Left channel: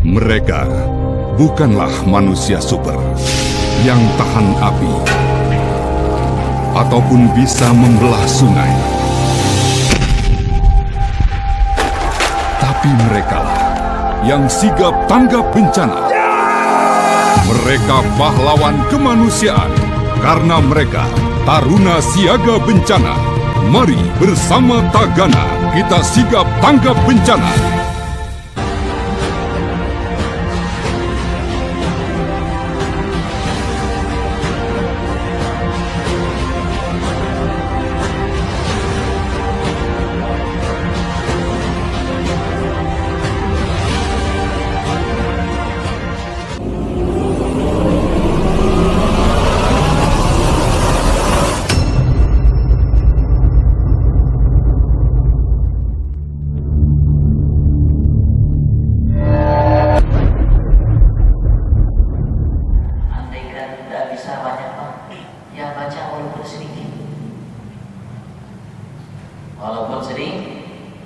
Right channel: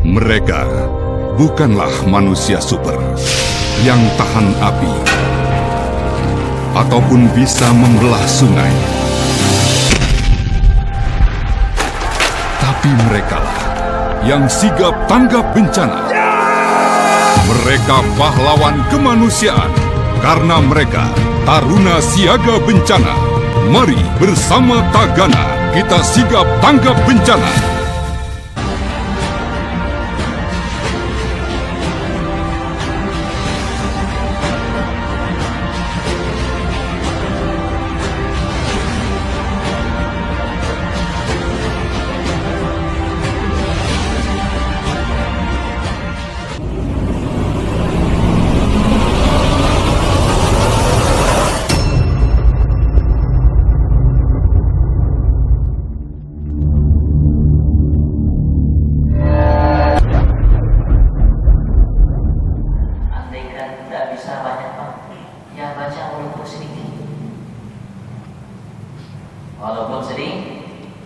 Mereka bukanlah manusia super yang tahan api ataupun bisa membelah sungai. Tapi merekalah yang sigap tanggap bencana. Mereka pahlawan kemanusiaan karena mereka taruna siaga bencana. Mari bersama Tagana kita sigap tanggap bencana.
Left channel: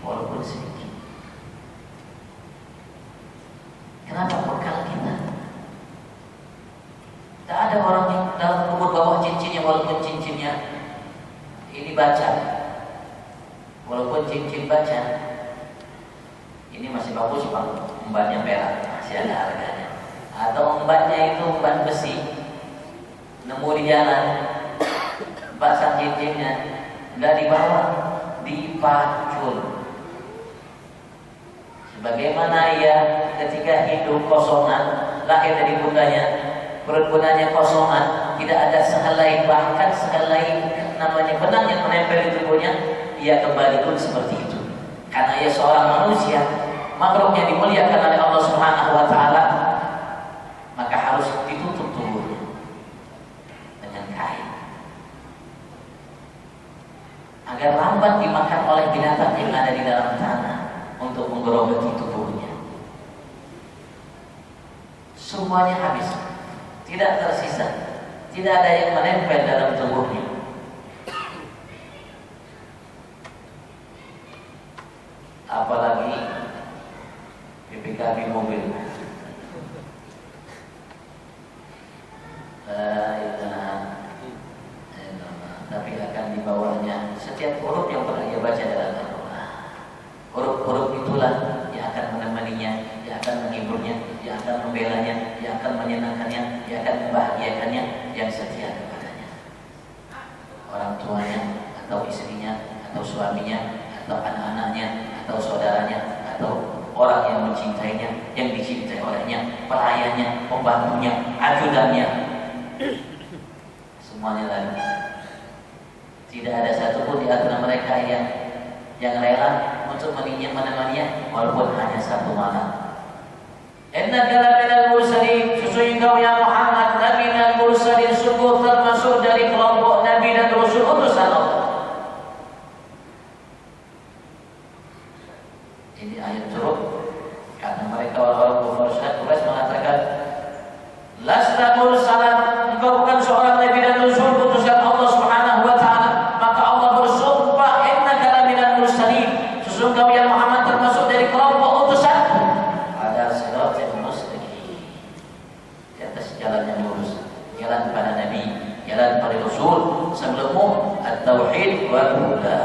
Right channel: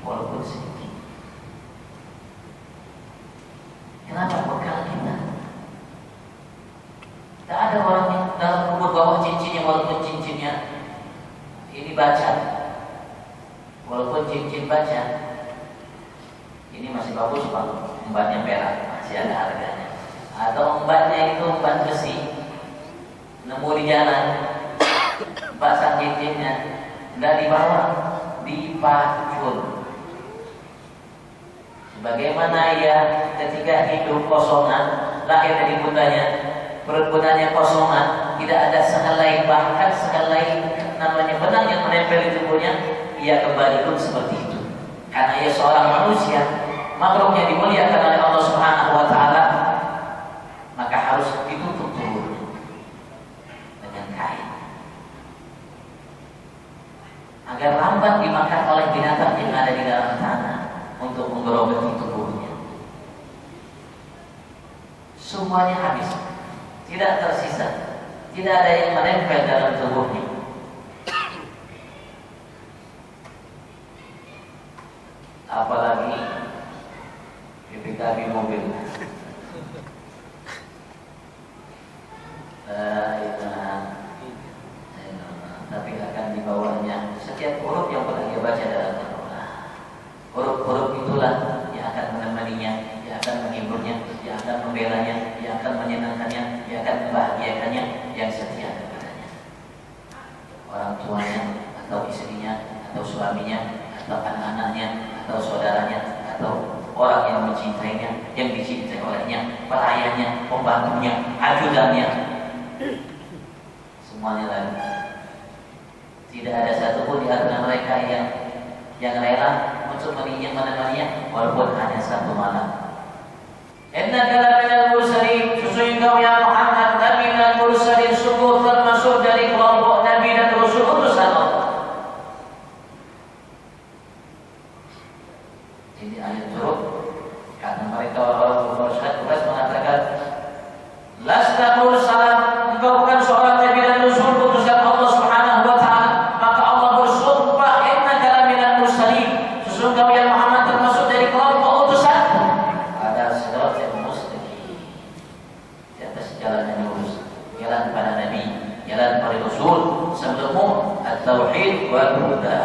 Walaupun sedikit. Kenapa bekal kita? Tak ada orang yang dalam kubur bawah cincinnya, walaupun cincinnya ini baca, walaupun cincin baca ini masih bagus pak, embatnya perak masih ada harganya. Atau embatnya itu embat besi, nemu di jalan, pasang cincinnya, nggak dibawa, dipacul. Bagaimana ia ketika hidup kosongan, lahir dari bundanya, perut bundanya kosongan, tidak ada sehelai, bahkan sehelai namanya benang yang menempel di tubuhnya, ia kembali pun seperti itu. Karena ia seorang manusia, makhluk yang dimuliakan oleh Allah Subhanahu wa Ta'ala, maka harus ditutup tubuhnya dengan kain agar lambat dimakan oleh binatang yang ada di dalam tanah untuk menggerogoti tubuhnya. Semuanya habis, tidak tersisa, tidak ada yang menempel dalam tubuhnya. Apalagi PPKB mobil. Tapi akan dibawanya setiap huruf yang pernah ia baca dalam Al-Quran. Huruf-huruf itulah yang akan menemaninya, yang akan menghiburnya, yang akan membelanya, yang akan menyenangkannya, yang akan membahagiakannya, yang setia kepadanya. Orang tuanya, atau istrinya, atau suaminya, atau anak-anaknya, atau saudaranya, atau orang yang mencintainya, yang dicintai olehnya, pelayannya, pembantunya, ajudannya, semuanya lalu. Tidak ada satupun di antara mereka yang rela untuk menemaninya walaupun hanya satu malam. Innaka laminal mursalin, sesungguhnya engkau ya Muhammad nabi minal mursalin, sungguh termasuk dari kelompok nabi dan rasul utusan Allah. Ini ayat turun karena mereka orang kufar mengatakan lasta mursalan, engkau bukan seorang nabi dan rasul utusan Allah Subhanahu wa Ta'ala. Maka Allah bersumpah, innaka laminal mursalin, sesungguhnya engkau ya Muhammad termasuk dari kelompok utusan. Ada siratal mustaqim, di atas jalan yang lurus, jalan pada nabi, jalan pada rasul sebelummu, at-tauhid wal huda.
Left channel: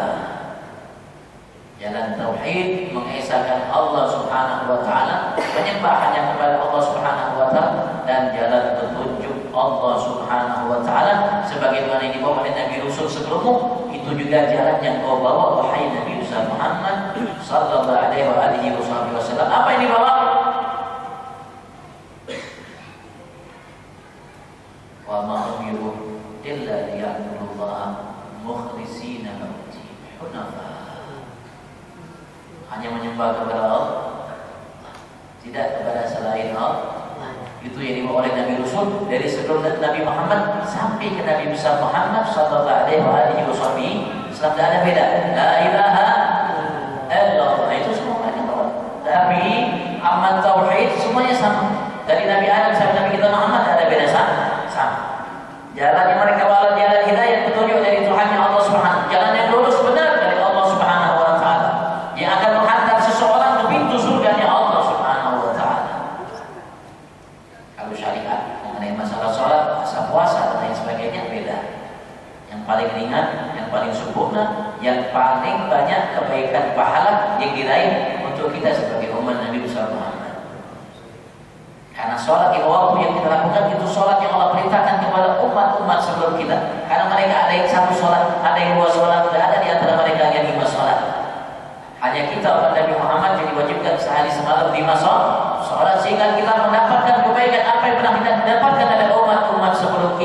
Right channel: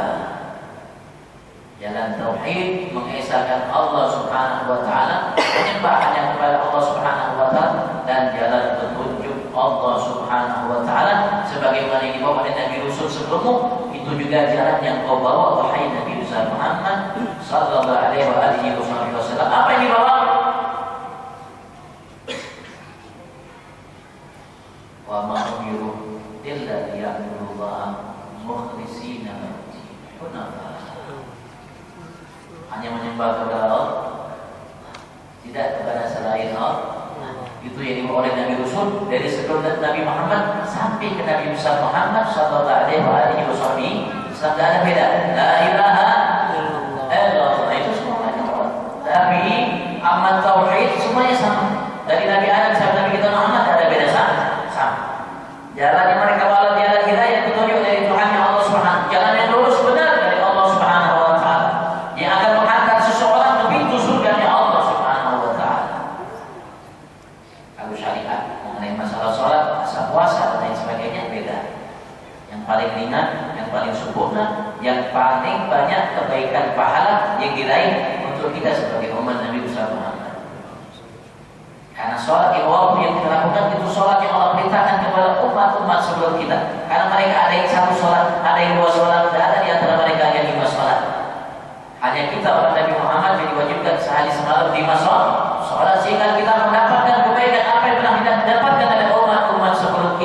Jalan tauhid, mengesahkan Allah Subhanahu wa Ta'ala, menyembah hanya kepada Allah Subhanahu wa Ta'ala, dan jalan petunjuk Allah Subhanahu wa Ta'ala sebagaimana yang dibawa oleh Nabi Rasul sebelummu. Itu juga jalan yang kau bawa wahai Nabi Muhammad sallallahu alaihi wasallam. Apa yang dibawa? Wa ma umiru illa liya'budullaha mukhlishina lahu-d-din hunafa. Hanya menyembah kepada Allah, tidak kepada selain Allah. Itu yang dibawa oleh Nabi Rasul dari sebelum Nabi Muhammad sampai ke Nabi besar Muhammad sallallahu alaihi wasallam. Tidak ada beda. La ilaha illallah, itu semua mereka tahu. Tapi amat tauhid semuanya sama. Dari Nabi Adam sampai Nabi kita Muhammad tidak ada beda, sama. Jalan yang mereka bawa jalan hidayah, petunjuk dari Tuhan yang Allah Subhanahu. Jalan yang lurus benar dari Allah Subhanahu wa Ta'ala, yang akan menghantar seseorang ke pintu surganya Allah Subhanahu wa Ta'ala. untuk kita sebagai umat Nabi besar Muhammad. Karena sholat yang waktu yang kita lakukan itu sholat yang Allah perintahkan kepada umat-umat sebelum kita. Karena mereka ada yang satu sholat, ada yang dua sholat, tidak ada di antara mereka yang 5 sholat. Hanya kita umat Nabi Muhammad yang diwajibkan sehari semalam 5 sholat, sehingga kita mendapatkan kebaikan apa yang pernah kita dapatkan dari umat-umat sebelum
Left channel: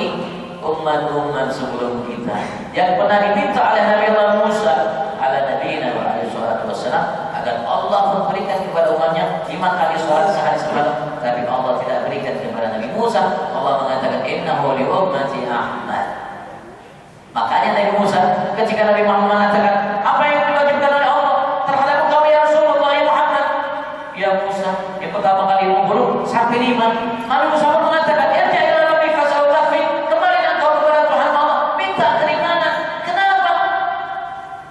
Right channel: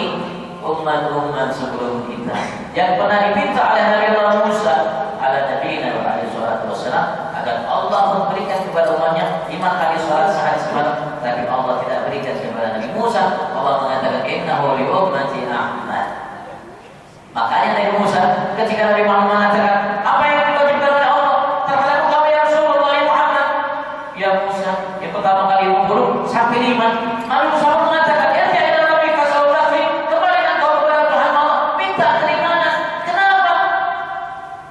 kita. Yang pernah diminta oleh Nabi Allah Musa, ala Nabi alaihi salatu wassalam, agar Allah memberikan kepada umatnya 5 kali sholat sehari semalam. Tapi Allah tidak berikan kepada Nabi Musa. Allah mengatakan innahu li ummati Ahmad. Makanya Nabi Musa ketika Nabi Muhammad mengatakan apa yang diwajibkan oleh Allah terhadap kamu ya Rasulullah ya Muhammad, ya Musa, yang pertama kali 50 sampai 5. Nabi Musa mengatakan ya ila Nabi fasautafi, kembali engkau kepada Tuhan Allah, minta keringanan. Kenapa?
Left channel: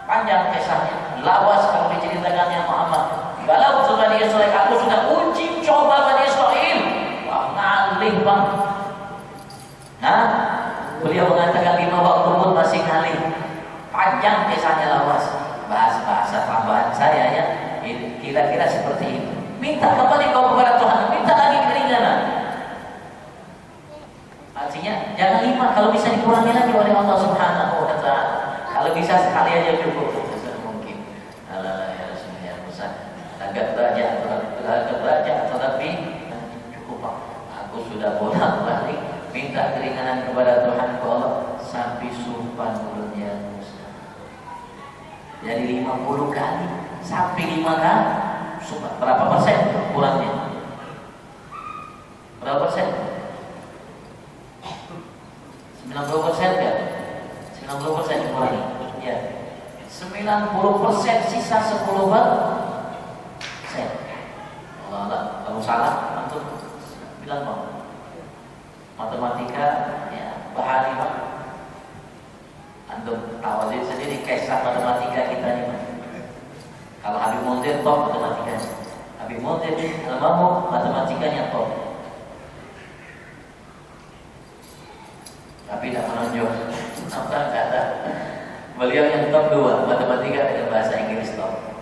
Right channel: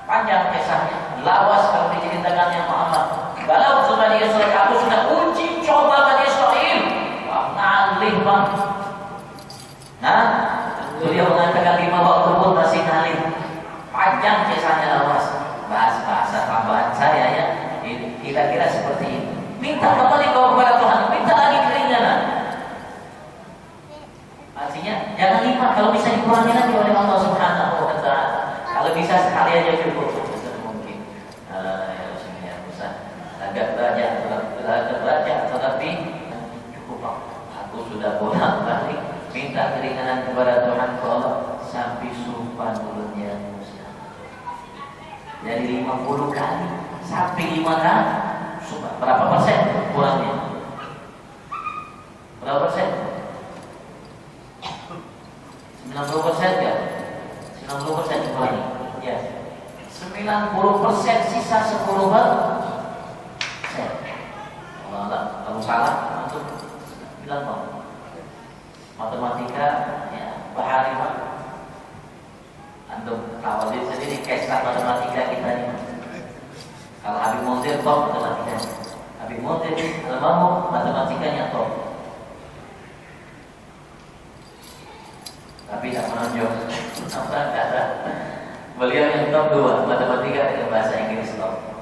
Panjang kisahnya, lawas kalau diceritakannya Muhammad. Kalau sudah Israel, aku sudah uji coba Bani Israel. Wah, ngalih bang. Nah, beliau mengatakan 5 waktu pun masih ngalih. Panjang kisahnya lawas. Bahasa tambahan saya ya. Kira-kira seperti ini. Minta kembali kau kepada Tuhan. Minta lagi keringanan. Artinya jangan 5, kalau bisa dikurangi lagi oleh Allah Subhanahu wa Ta'ala. Kalau bisa sekali aja cukup. Mungkin. Agak belajar tetapi cukup Pak. Aku sudah bolak-balik minta keringanan kepada Tuhan Allah sampai sumpah mulutnya Musa. Jadi 50 kali sampai 5 kali sumpah. Berapa persen kurangnya? Berapa persen? 90% ya? 90% kurangi. Ya. 90% sisa 10%. Kalau salah untuk bilang mau matematika ya bahari Pak. Antum tahu sendiri kisah matematika kita ini. Kalau Habib Munzir top matematika, Habib Munzir almarhum matematikanya top. Tapi tidak menonjol. Apa kata beliau yang top 2 matematika dengan bahasa Inggris top.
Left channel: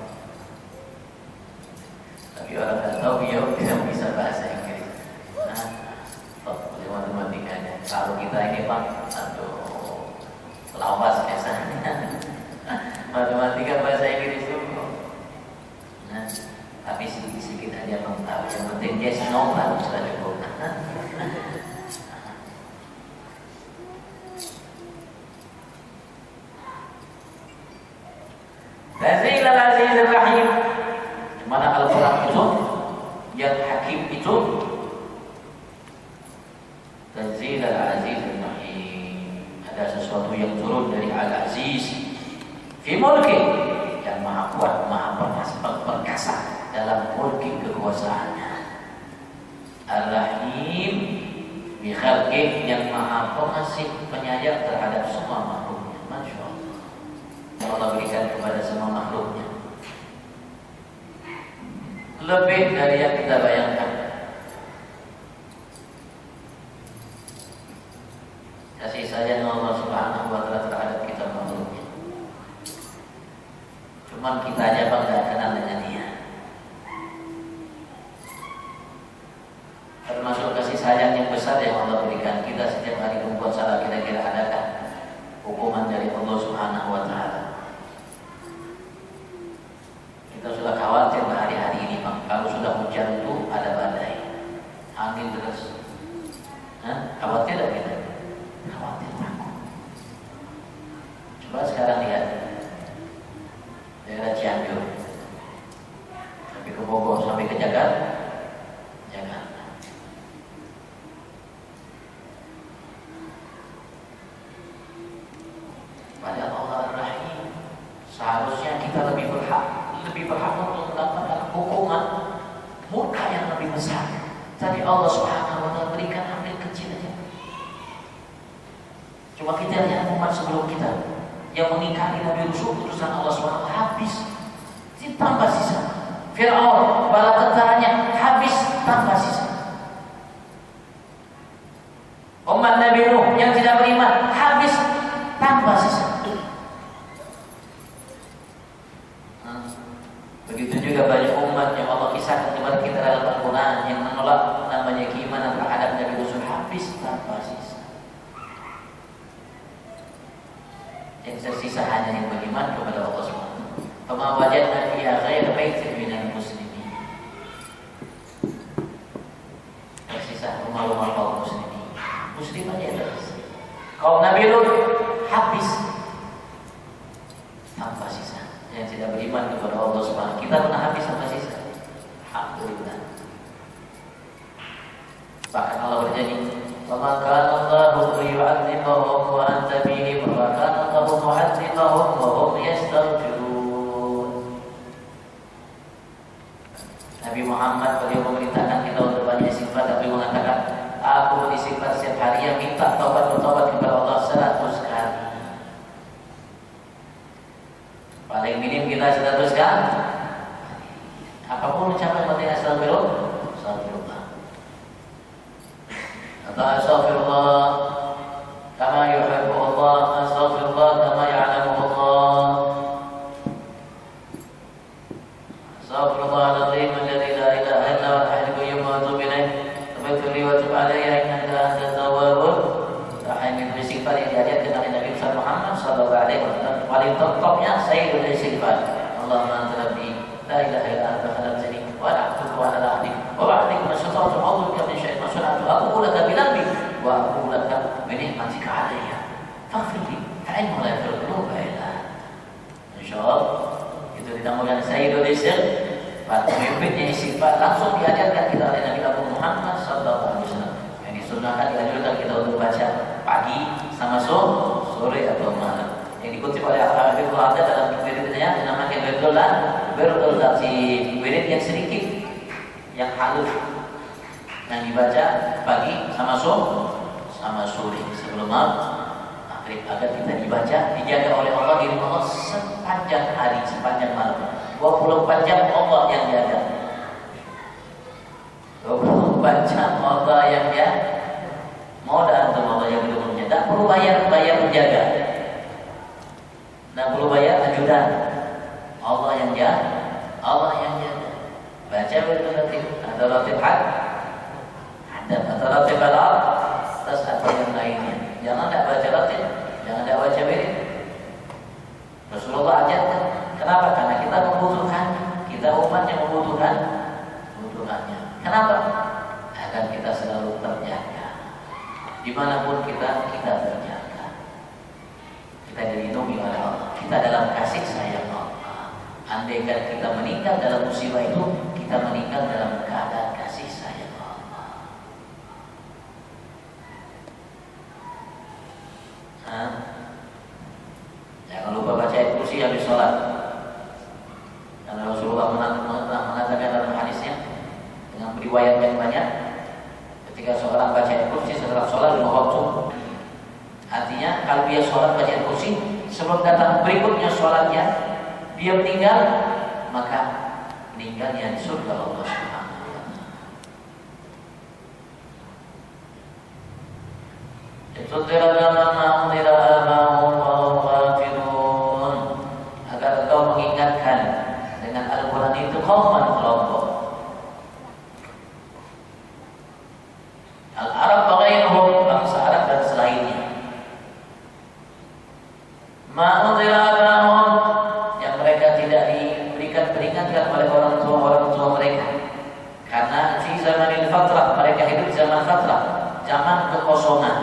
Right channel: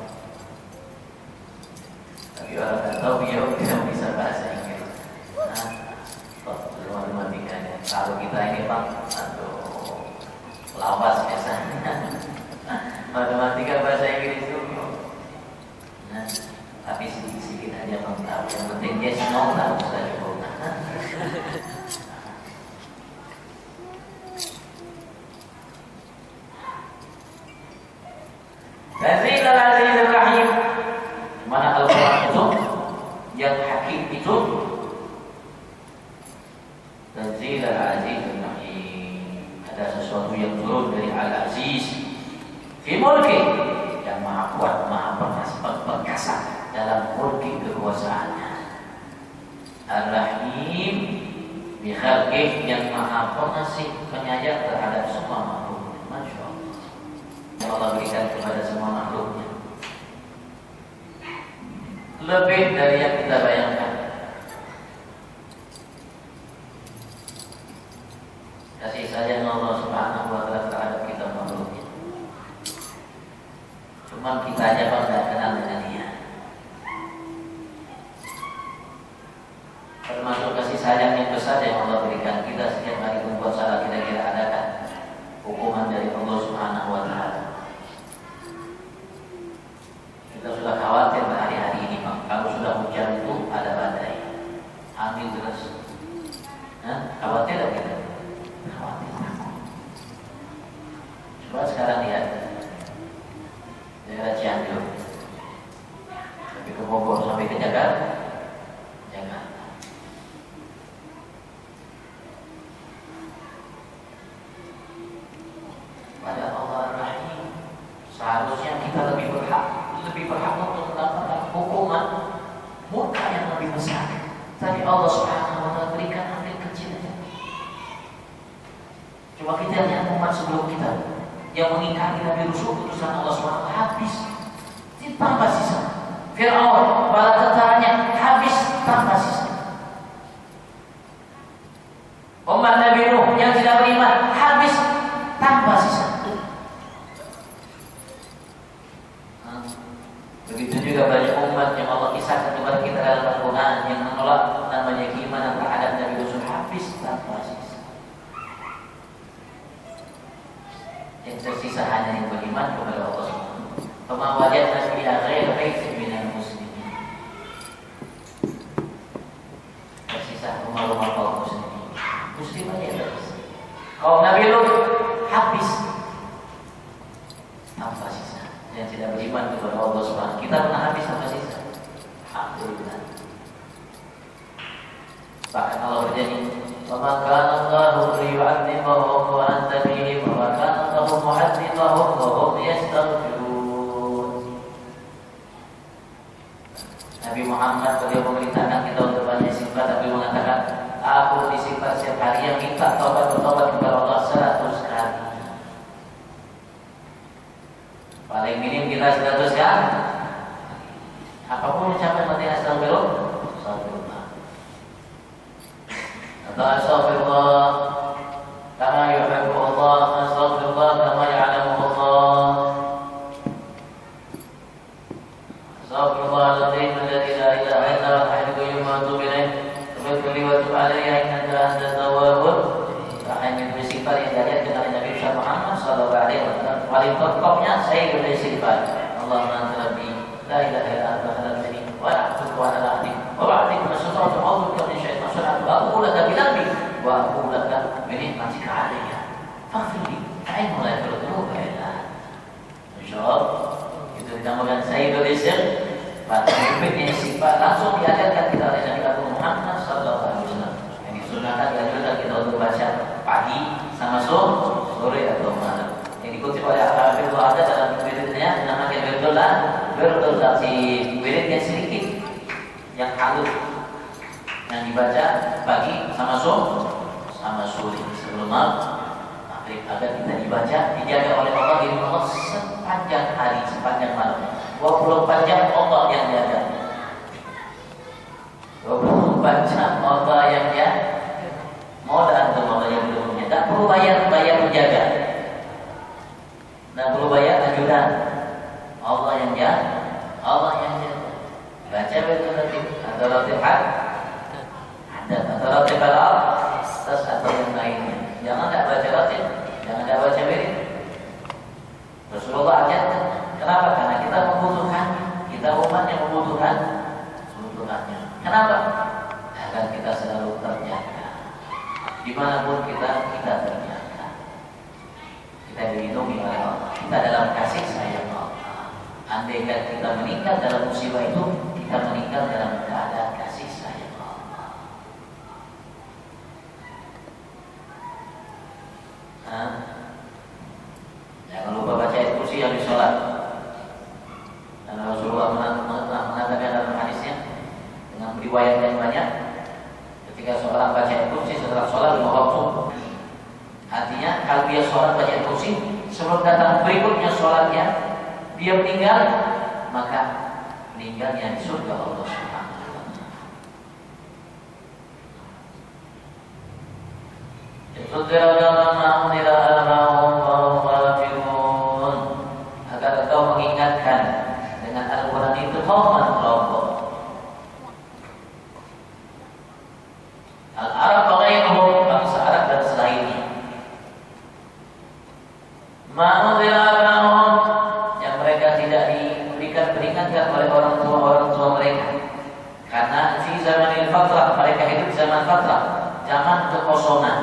Tapi orang tak tahu beliau tidak bisa bahasa Inggris. Nah, top matematikanya. Kalau kita ini Pak, aduh, lawas biasanya. Matematika bahasa Inggris itu. Nah, tapi sedikit-sedikit aja Bang tahu. Yang penting yes no lah sudah cukup. Tanzil al-Aziz al-Rahim. Mana Al-Quran itu yang hakim itu Tanzil al-Aziz al-Rahim. Ada sesuatu yang turun dari Al-Aziz fi mulki, yang maha kuat, maha perkasa dalam mulki kekuasaannya. Al-Rahim bi khalqih, yang maha pengasih penyayang terhadap semua makhluknya. Masya Allah, Allah berikan kepada semua makhluknya lebih dari yang kita bayangkan. Kasih sayang Allah Subhanahu wa Ta'ala terhadap kita makhluknya. Cuma kita aja Bang tidak kenal dengan dia. Termasuk kasih sayang yang besar yang Allah berikan kita setiap hari membuat salah, kira-kira adakah hukuman dari Allah Subhanahu wa Ta'ala? Kita sudah khawatir hari-hari ini Bang. Kalau sudah hujan itu ada badai, angin terus. Khawatir tidak kita? Khawatir, takut. Coba sekarang lihat daerah Cianjur sampai ke Bogor, sampai ke Jakarta. Pada Allah Ar-Rahim, seharusnya kita lebih berhak untuk mendapatkan hukuman murka yang lebih besar. Tapi Allah Subhanahu wa Ta'ala berikan ambil kecil aja. Coba kita lihat umat sebelum kita yang mengingkari Nabi Rasul utusan Allah Subhanahu wa Ta'ala habis, tambah sisa. Fir'aun bala tentaranya habis, tambah sisa. Umat Nabi Nuh yang tidak beriman habis, tambah sisa. Begitu juga banyak umat yang tersisa hanya yang beriman kepada Allah Subhanahu. Fama wajadna fiha ghayra baitin minal muslimin. Tersisa rumah-rumah kaum muslimin. Muslim aja tersisa. Kaum Nabi Lut habis tanpa sisa. Yang tidak beriman kepada Allah Subhanahu. Kita pernah habis tanpa sisa. Alhamdulillah. Bahkan Allah berjanji, "Wa kana Allahu liyu'adzibahum wa anta fihim wa kana Allahu mu'adzibahum wa hum yastaghfirun." Nabi Muhammad beliau memerintahkan kita untuk banyak istighfar, tapi mengatakan, "Aku istighfar setiap hari yang minta taubat kepada Allah 100 kali." Paling minim kita 100 kali. Apapun ucapan penting astagfirullah, astagfirullah. Astaghfirullah kama yuhibbu Allah, astaghfirullah kama ya'lamu Allah. Astaghfirullahaladzim alladzi la ilaha illa huwal hayyul qayyum wa atubu ilaih. Taubat li wa tub alayya innaka antat tawwabur rahim. Istighfar yang diajarkan oleh Nabi Muhammad sallallahu alaihi wasallam. Paling top-topnya sayyidul istighfar. Allahumma anta rabbi la ilaha illa anta khalaqtani wa ana abduka wa ana abdik wa ba'dika mastata'tu a'udzu min syaitan sana'tu aqulu laka bi dhanbi wa aqulu laka bi ni'matika 'alayya faghfir li fa'innahu la yaghfiru dhunuba illa anta. Insyaallah itu ditambahkan sayyidul istighfar. Berikutnya istighfar langsung diajarkan kita oleh Nabi Muhammad sallallahu alaihi wasallam. Yang disunahkan diajarkan kita untuk baca pagi sama sore atau malam. Yang dikutip oleh Al-Habib ada dalam wiridnya dinamakan wiridul latif, wirid yang sedikit, yang halus, yang dibaca pagi sama sore sebelum maghrib, agar kita dijaga oleh Allah diri Allah sepanjang hari, sepanjang malam. 24 jam Allah yang jaga. 24 jam Allah yang jaga. Mau dan Allah yang belum. Tak perlu bayar penjaga. Tak perlu bayar ajudan. Allah yang jaga. Allah yang jaga. Baca berlatif atau latif ada atau latif al atas atau yang lainnya. Jangan tak baca latif, jangan tak baca wirid. Rasulullah ajarkan. Kenapa? Karena kita membutuhkannya. Kita umat yang membutuhkannya. Kenapa? Agar kita selalu terjaga. Dimanapun kita terjaga. Kita dilindungi oleh Allah. Kita dalam kasih sayang Allah. Andaikan kita meninggal dalam musibah itu, kita meninggal dalam keadaan kasih sayang Allah. Jangan lupa baca ayat kursi habis sholat. Karena Rasulullah mengatakan dalam hadisnya dengan riwayat yang banyak, ketika seorang baca ayat kursi setelah sholat 5 waktu, artinya kalau dia sholat baca ayat kursi sebelum datang berikutnya sholatnya, dia meninggal, maka meninggalnya di surga Allah Subhanahu wa taala. Agar engkau mengingatkan dengan Al-Quran itu kelompok Al-Arab bagaimanapun bangsa Arab dan selainnya. Yang mereka tidak diberikan peringatkan oleh orang tua mereka. Karena di zamanil fatrah, mereka hidup zaman fatrah, zaman kekosongan.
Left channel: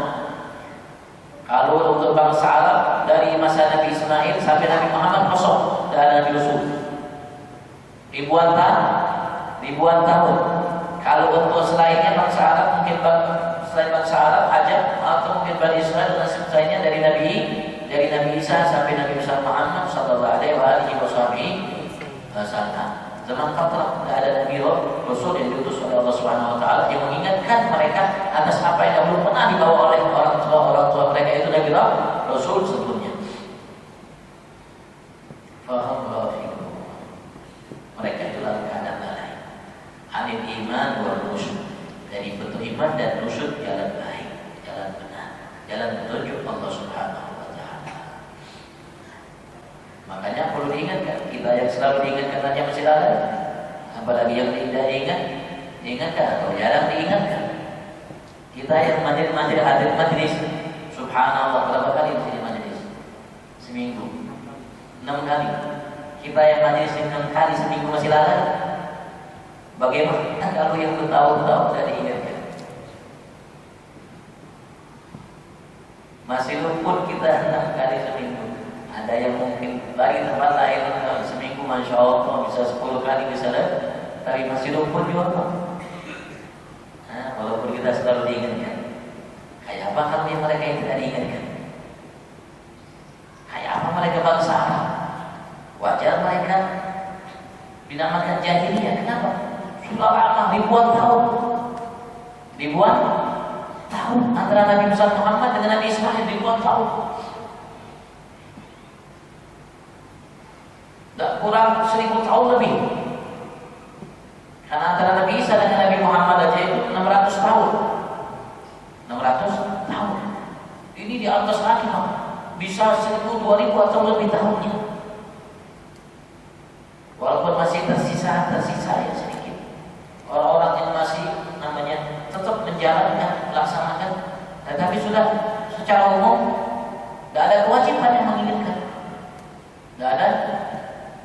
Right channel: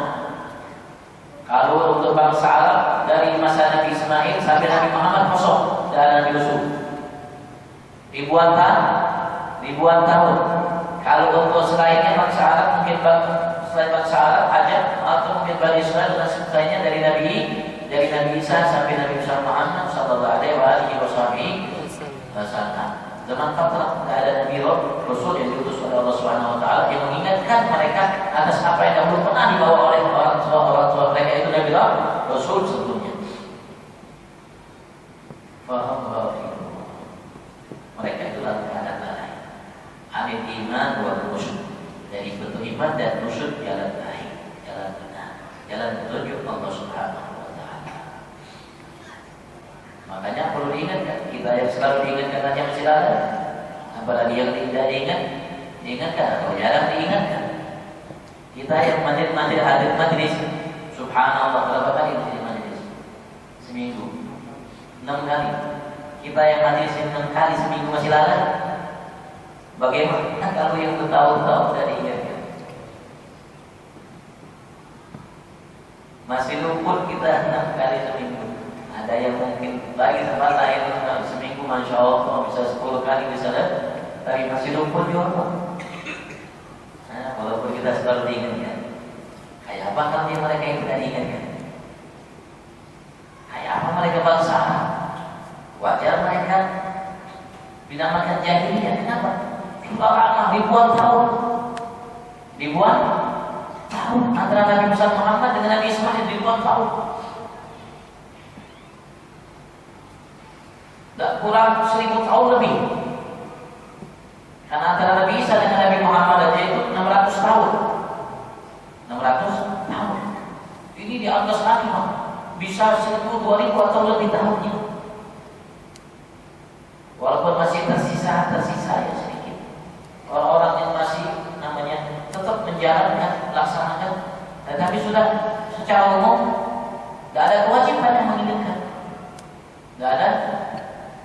Kalau untuk bangsa Arab dari masa Nabi Ismail sampai Nabi Muhammad kosong, dan Nabi Yusuf ribuan tahun. Kalau untuk selainnya bangsa Arab mungkin selain bangsa Arab aja, atau mungkin Bani Israel dan sebagainya dari Nabi Isa sampai Nabi Muhammad sallallahu alaihi wasallam. Zaman fatrah tidak ada Nabi Rasul yang diutus oleh Allah Subhanahu wa taala yang mengingatkan mereka atas apa yang belum pernah dibawa oleh orang tua mereka itu Nabi Rasul sebelumnya. Faham rafiqun. Mereka itu dalam keadaan lalai. Anil iman wal rusyd. Dari beriman dan rusyd, jalan baik, jalan benar, jalan petunjuk Allah Subhanahu wa taala. Makanya perlu diingatkan, kita yang selalu diingatkan saja masih lalai. Apalagi yang tidak diingatkan atau jarang diingatkan. Kita yang hadir majlis, subhanallah berapa kali di majlis? seminggu 6 kali. Kita yang majelis 6 kali seminggu masih lalai. Bagaimana kalau yang bertahun-tahun tidak diingatkan? Masih luput kita 6 kali seminggu. Ada yang mungkin lagi tempat lain seminggu Masya Allah bisa 10 kali bisa lah, tapi masih luput juga. Nah, walaupun kita selalu diingatkan. Kayak apa kalau mereka yang tidak diingatkan? Kayak apa mereka bangsa Arab? Wajar mereka dinamakan jahiliyah. Kenapa? Sudah lama ribuan tahun antara Nabi Muhammad dengan Nabi Ismail ribuan tahun. Tak kurang 1000 tahun lebih. Karena antara Nabi Isa dengan Nabi Muhammad aja itu 600 tahun. 600 tahun. Ini di atas lagi, bisa 1000, 2000 atau lebih tahunnya. Walaupun masih tersisa ya sedikit. Orang-orang yang masih namanya tetap menjalankan, melaksanakan, tetapi sudah secara umum tidak ada kewajiban yang mengingatkan. Tidak ada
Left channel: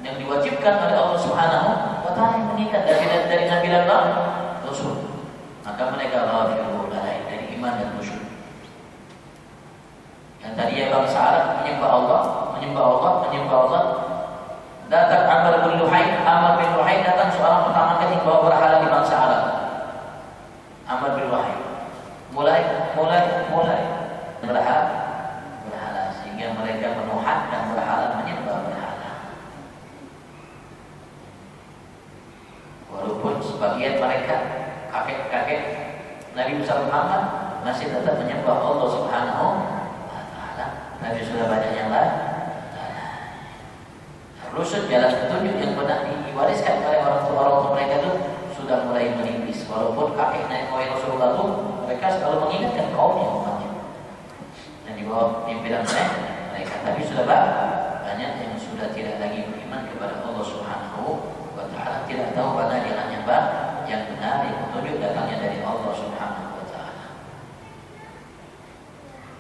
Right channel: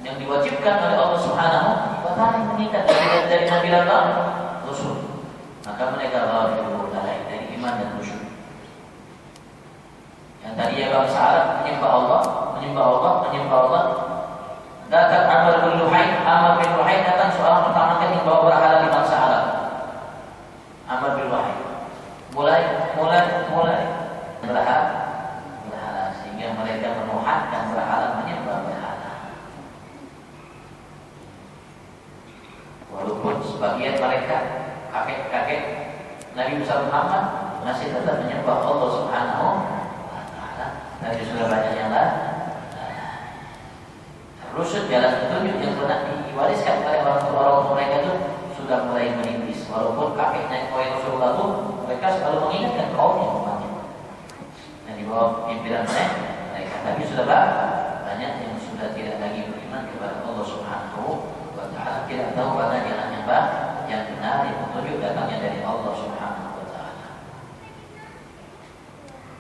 yang diwajibkan oleh Allah Subhanahu wa Ta'ala yang mengikat dari Nabi Allah Rasul. Maka mereka ghafilun dari iman dan khusyuk. Yang tadi ya bangsa Arab menyembah Allah. Datang Amr bin Luhai datang seorang pertama kali bawa berhala di bangsa Arab. Amr bin Luhai mulai berhala sehingga mereka menuhankan berhala, menyembah berhala. Walaupun sebagian mereka kakek Nabi Muhammad masih tetap menyembah Allah Subhanahu wa Ta'ala, tapi sudah banyak yang lain. Rusuk jalan petunjuk yang benar diwariskan oleh orang tua mereka itu sudah mulai menipis. Walaupun kakek nenek moyang Rasulullah itu mereka selalu mengingatkan kaumnya, umatnya yang di bawah pimpinan mereka, tapi sudah banyak yang sudah tidak lagi beriman kepada Allah Subhanahu wa Ta'ala, tidak tahu mana jalan yang benar, yang petunjuk datangnya dari Allah Subhanahu wa Ta'ala.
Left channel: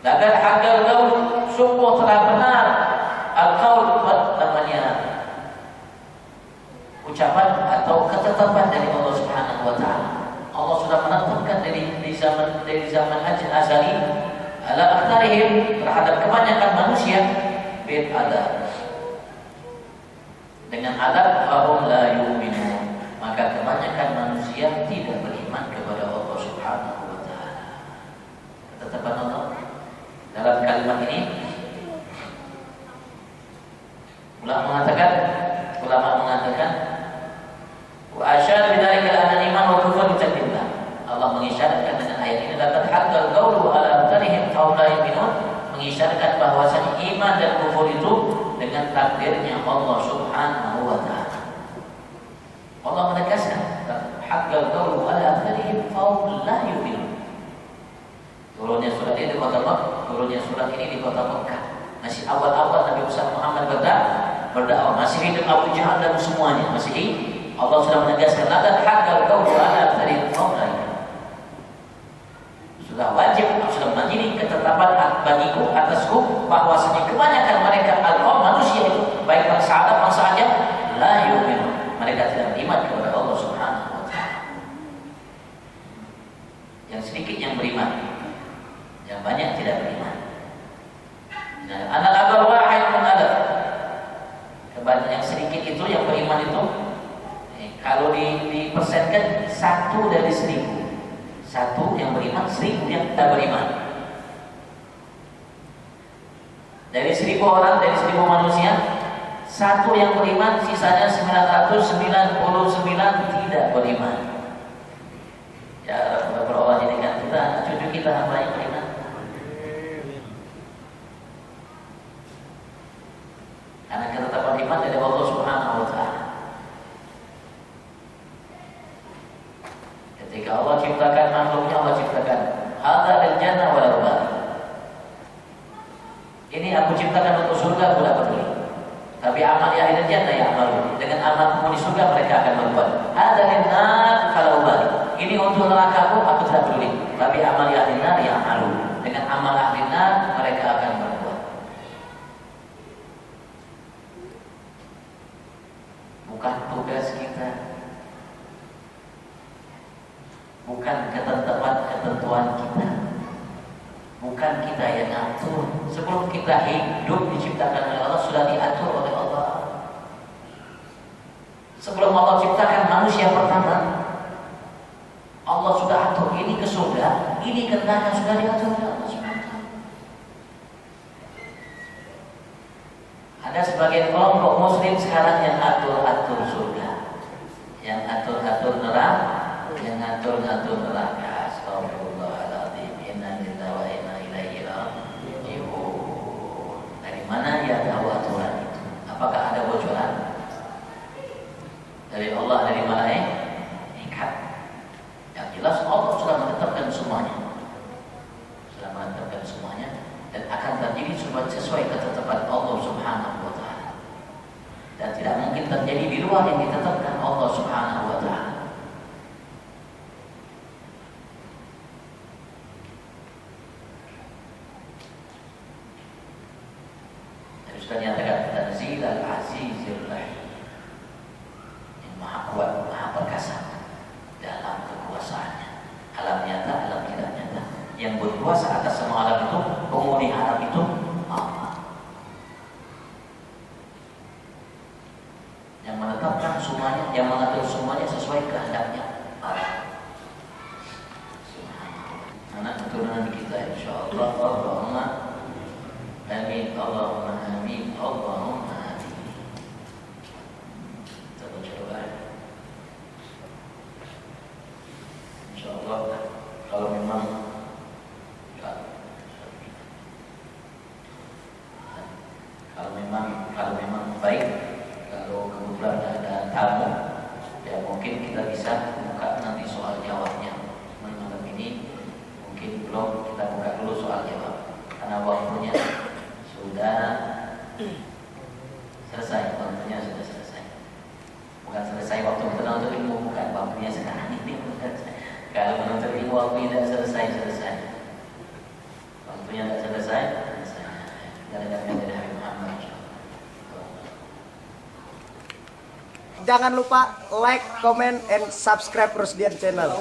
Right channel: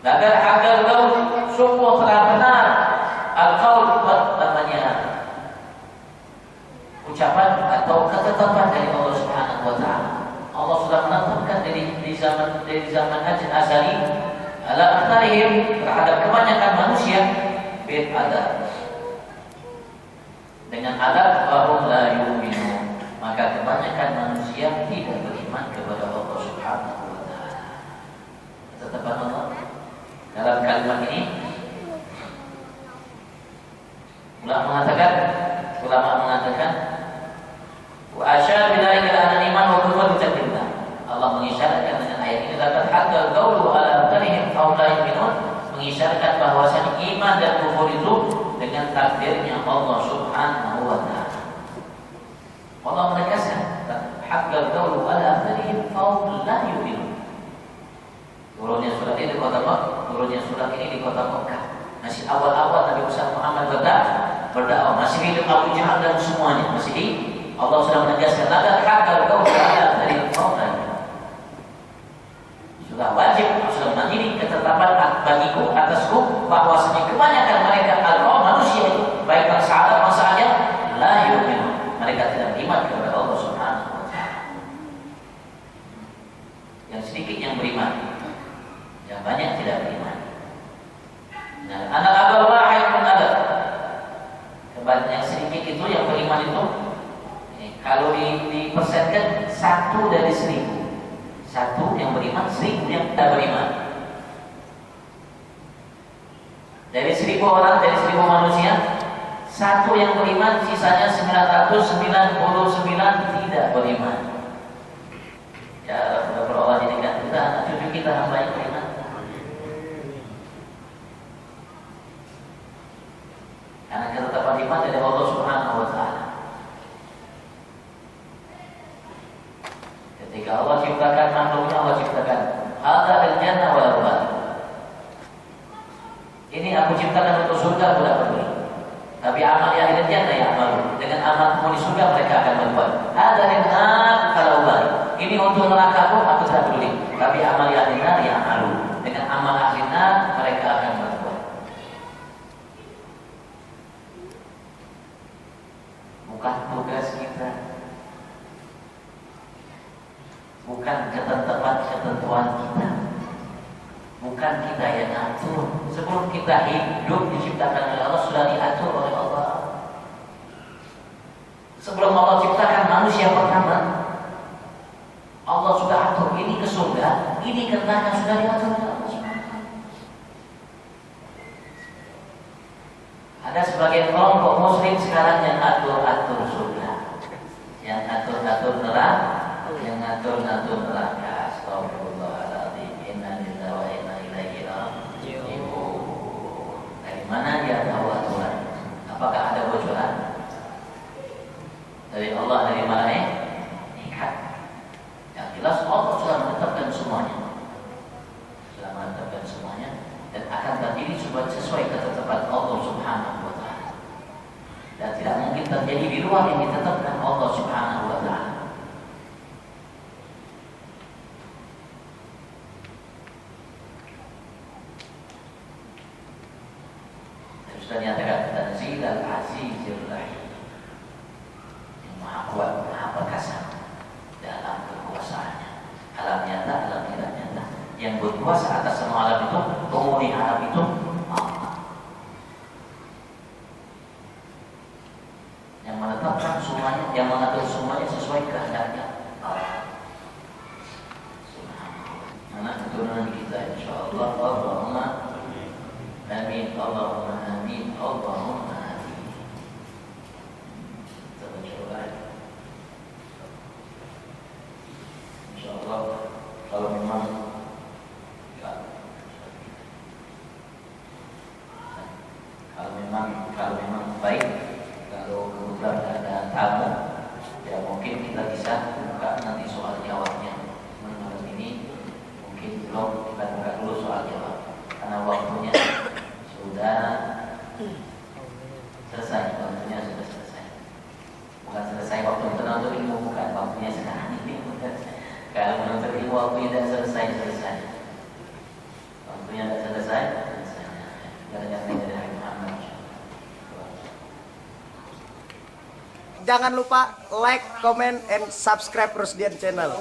Lagar hagal gaul, sungguh telah benar al-qaul, namanya ucapan atau ketetapan dari Allah Subhanahu wa Ta'ala. Allah sudah menetapkan dari zaman azali ala aktharihim, terhadap kebanyakan manusia bil adab, dengan adab wahum la yu'minun, maka kebanyakan manusia tidak beriman kepada Allah Subhanahu wa Ta'ala. Ketetapan Allah dalam kalimat ini, ulama mengatakan wa asyara bidzalika anna iman wa kufur bitakillah. Allah mengisyaratkan dengan ayat ini dapat haqqal qaulu ala tarihim aw la yu'minun, mengisyaratkan bahwasanya iman dan kufur itu dengan takdirnya Allah Subhanahu wa Ta'ala. Allah menegaskan haqqal qaulu ala tarihim aw la yu'minun. Turunnya surat ini di kota Mekah. Masih awal-awal Nabi Muhammad berdakwah, masih hidup Abu Jahal dan semuanya masih Allah sudah menegaskan agar hakal kau berada dari orang. Sudah wajib, sudah menjadi ketetapan bagiku atasku bahwasanya kebanyakan mereka manusia itu baik bangsa Arab bangsa Ajam la yu'minu, mereka tidak beriman kepada Allah Subhanahu wa Ta'ala. Yang sedikit yang beriman, yang banyak tidak beriman. Nah, anak abal wahid pun ada. Yang sedikit itu yang beriman itu, kalau dipersenkan 1 dari 1000. 1 yang beriman, 1000 yang tidak beriman. Dari 1000 orang, dari 1000 manusia, 1 yang beriman, sisanya 999 tidak beriman. Ya, Allah jadikan kita, anak cucu kita hamba yang beriman. Karena ketetapan iman dari Allah Subhanahu wa Ta'ala. Ketika Allah ciptakan makhluknya, Allah ciptakan hadza al-jannah wal nar. Ini aku ciptakan untuk surga, aku tidak peduli. Tapi amal ahli jannah ya amal. Dengan amal penghuni surga mereka akan berbuat. Hadza lin-nar kalau balik. Ini untuk neraka aku tidak peduli. Tapi amal ahli nar ya amal. Dengan amal ahli nar mereka akan berbuat. bukan ketentuan kita, bukan kita yang ngatur. Sebelum kita hidup diciptakan oleh Allah, sudah diatur oleh Allah. Sebelum Allah ciptakan manusia pertama, Allah sudah atur ini ke surga, ini ke neraka, sudah diatur oleh Allah SWT. Ada sebagian kelompok muslim sekarang yang atur-atur surga, yang atur-atur neraka, yang ngatur-ngatur neraka. Astagfirullahaladzim. Inna lillahi wa inna ilaihi raji'un. Dari mana dia tahu aturan itu? Apakah ada bocoran? Dari Allah, dari malaikat? Yang jelas Allah sudah menetapkan semuanya. Sudah menetapkan semuanya dan akan terjadi sesuai ketetapan Allah Subhanahu wa taala. Dan tidak mungkin terjadi di luar yang ditetapkan Allah Subhanahu wa taala. Sudah nyatakan Tanzil al-Azizir Rahim, yang maha kuat, maha perkasa dalam kekuasaannya, alam nyata, alam tidak nyata. Yang berkuasa atas semua alam itu, penghuni alam itu Allah, yang menetapkan semuanya, yang mengatur semuanya sesuai kehendaknya Allah. Subhanallah. Anak keturunan kita insyaallah. Allahumma amin, Allahumma amin, Allahumma amin. Kita baca doa. Insyaallah kalau memang baik, kalau kebetulan ada tamu, ya mungkin kita bisa buka nanti soal jawabnya. Malam ini mungkin belum, kita buka dulu soal jawab karena waktunya sudah selesai, waktunya sudah selesai. Bukan selesai waktu kita menuntut ilmu, bukan, waktunya sekarang ini. Kalau menuntut ilmu waktu tidak selesai. Waktunya tidak selesai. Gara-gara dari Habib Muhammad. Jangan lupa like, comment, and subscribe Rusdian Channel.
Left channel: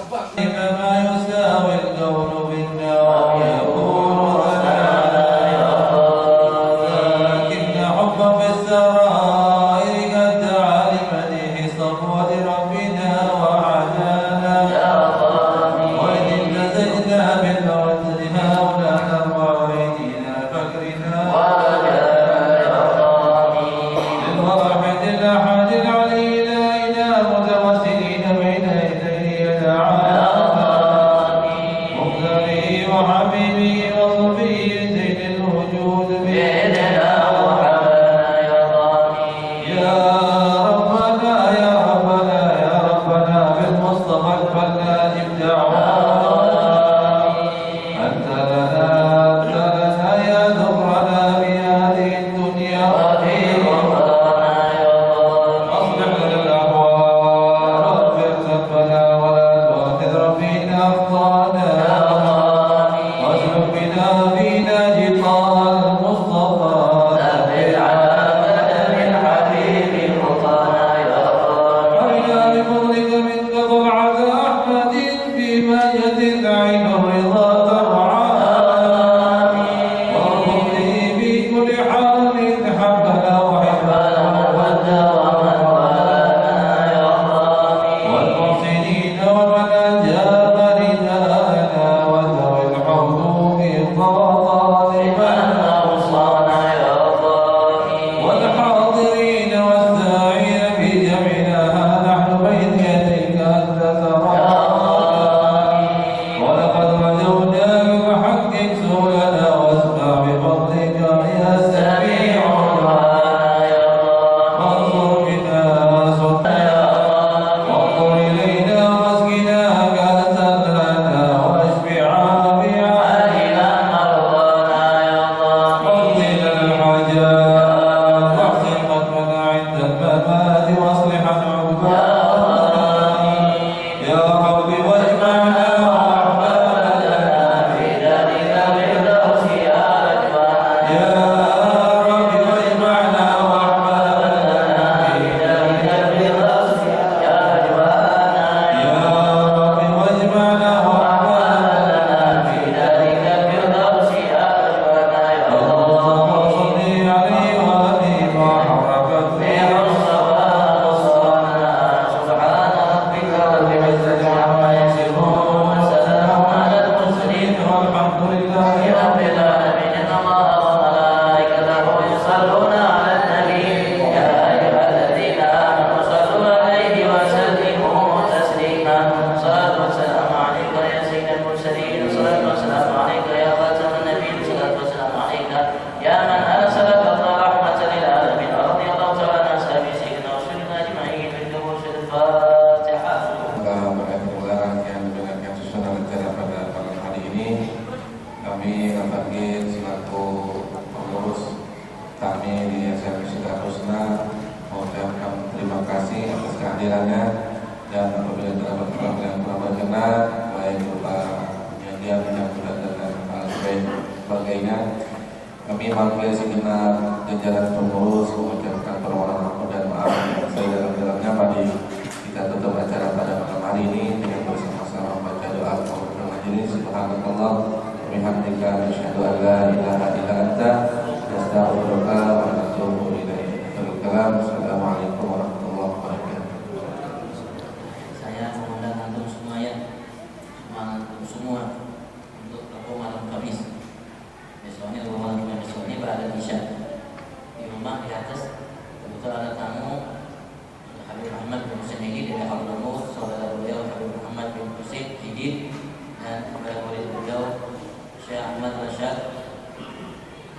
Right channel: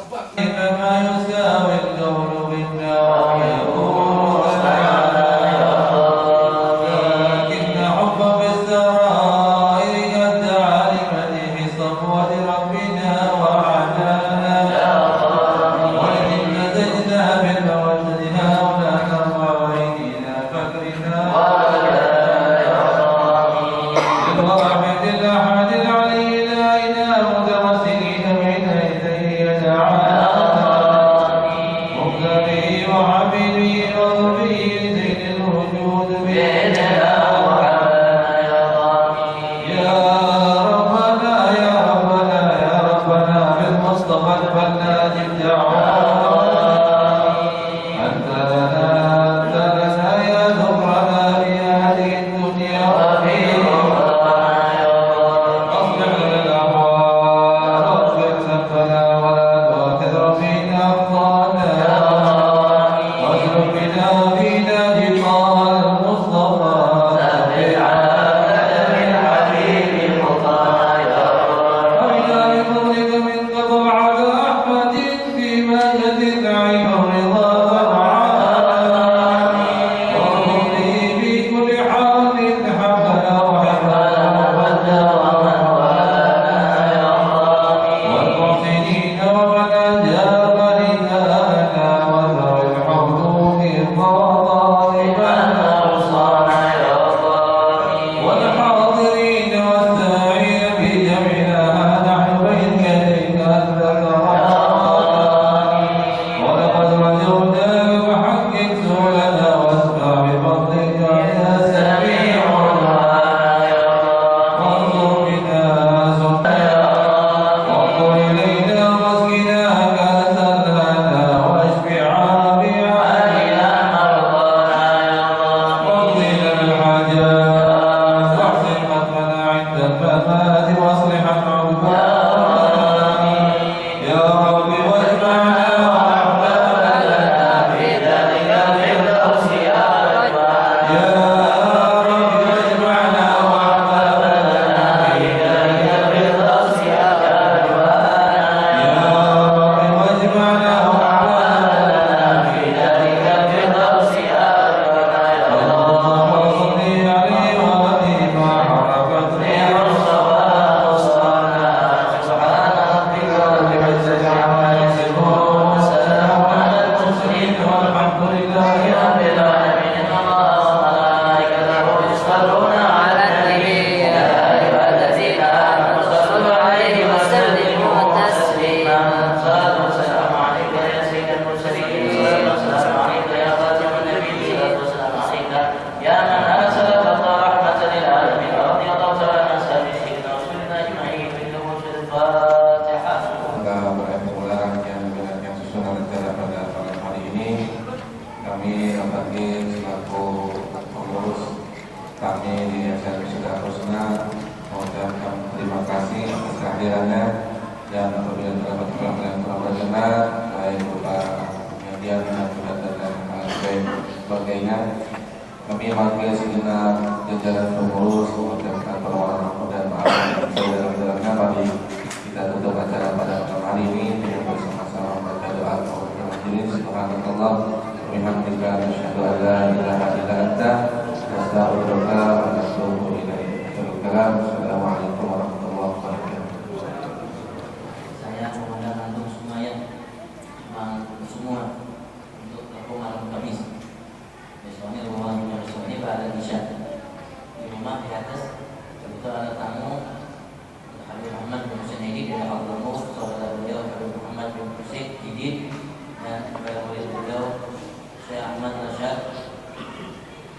kami Abagir selaku pengurus kami di SMK Sidat Husna mengucapkan terima kasih atas kehadirannya, dan apabila terdapat pelanggaran benar baik berupa penyediaan dan sebagainya, kami mewakili segenap jajaran pengurus mengucapkan permohonan dan maaf sedalam-dalamnya. Mari kita tutup acara pada malam hari ini dengan bersama-sama membaca doa kepada majelis. Subhanallah wa bihamdika asyhadu an la ilaha illa anta astaghfiruka wa atubu ilaik. Assalamualaikum warahmatullahi wabarakatuh. Saya mengundang antum semua ya, semua untuk toko malam Kamis. Besoknya rumah besok ini berada di Isya. Di rumah di atas kebetulan ada tamu Habib Muhammad bin Husain Hidid dari Al Nur, saudara beliau Habib Muhammad bin Husain Hidid, dan kepada murid beliau Syekh Ahmad Rashad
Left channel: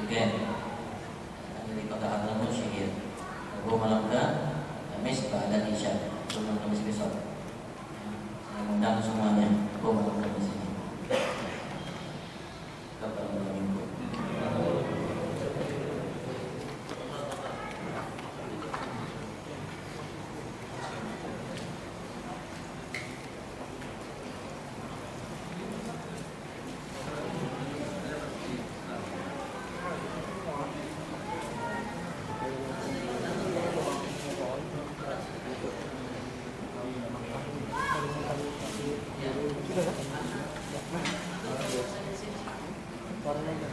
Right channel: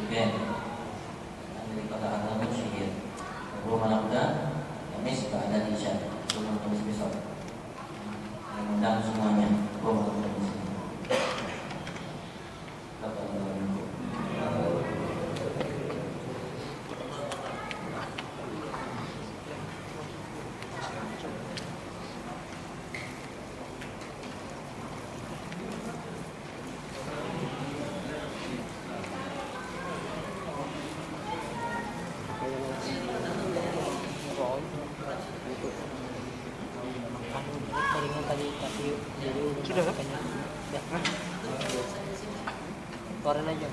Again dari kota Al Nur Syihir. Rumah malam Kamis berada di Isya. Rumah Kamis besok. Saya mengundang semuanya. Rumah malam Kamis ini. Keluarin aja.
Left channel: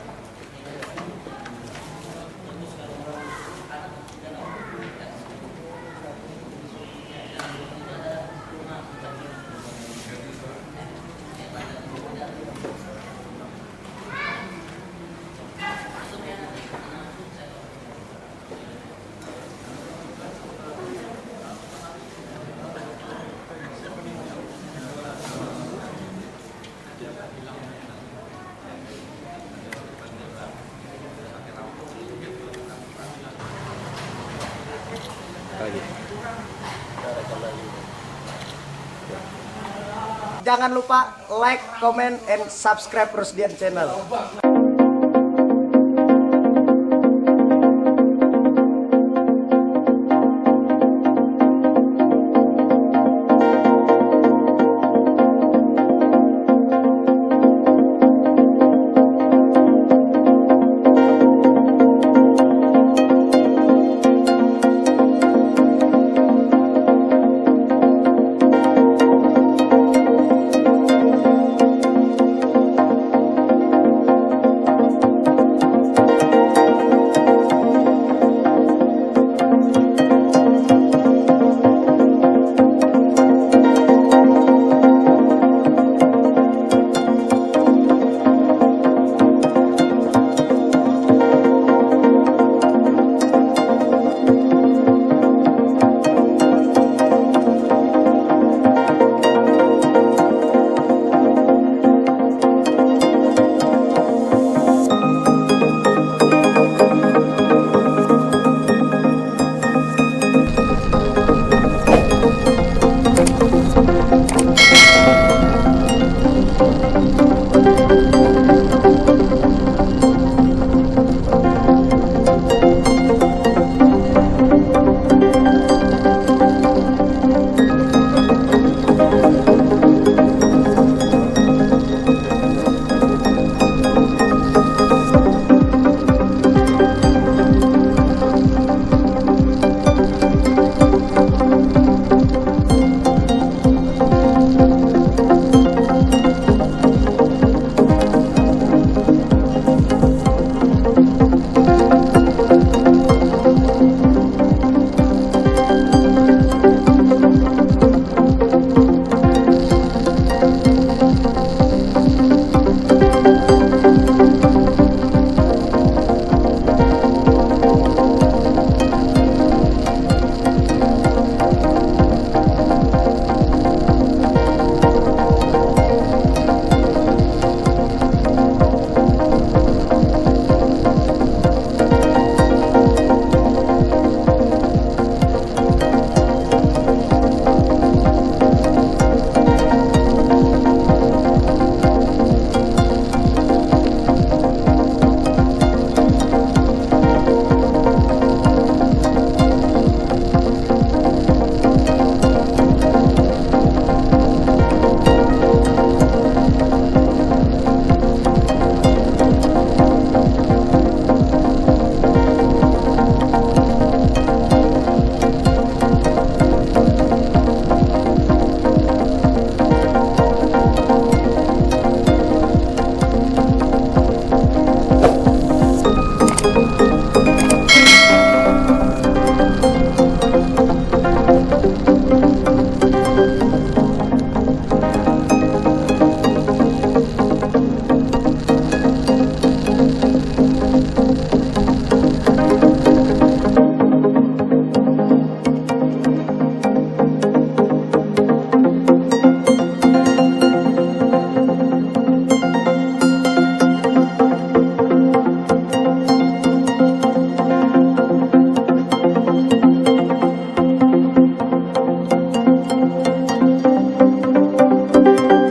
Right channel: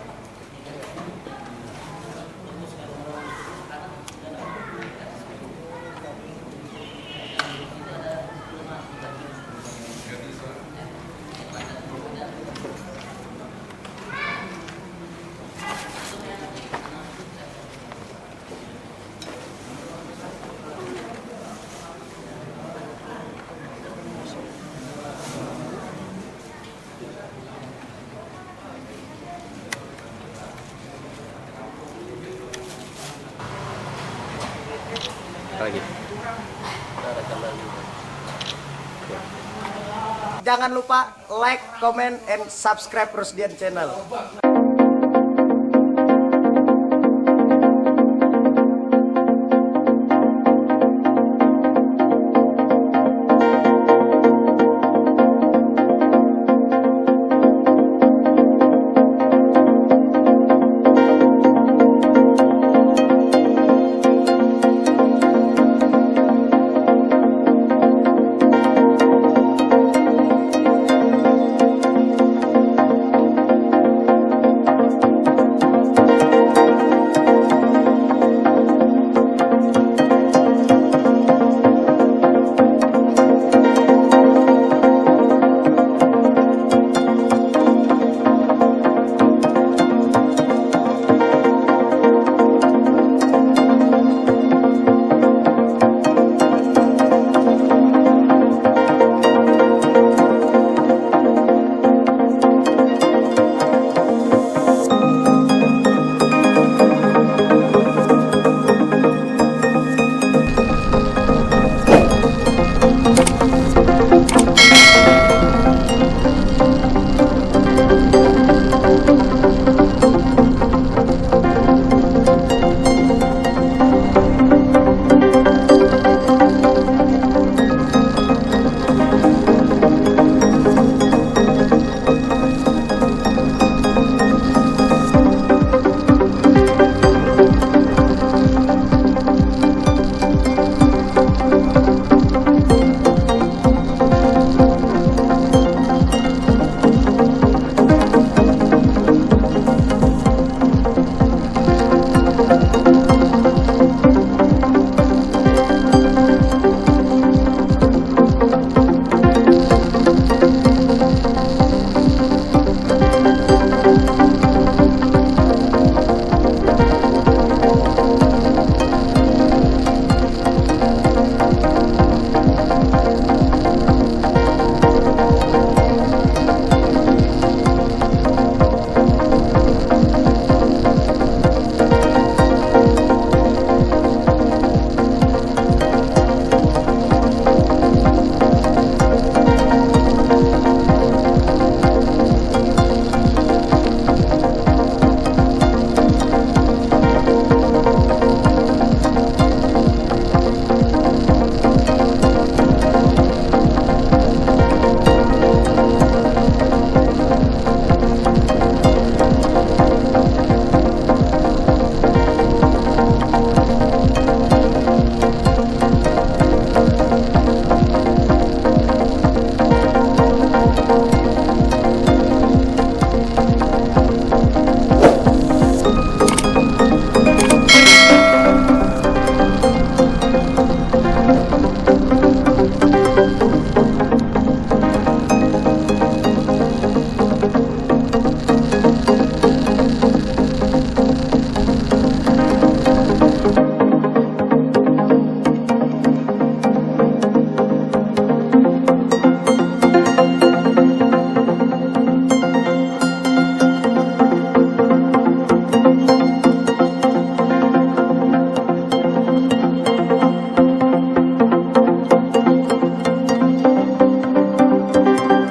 Jangan lupa like, comment, and subscribe Rusdian Channel.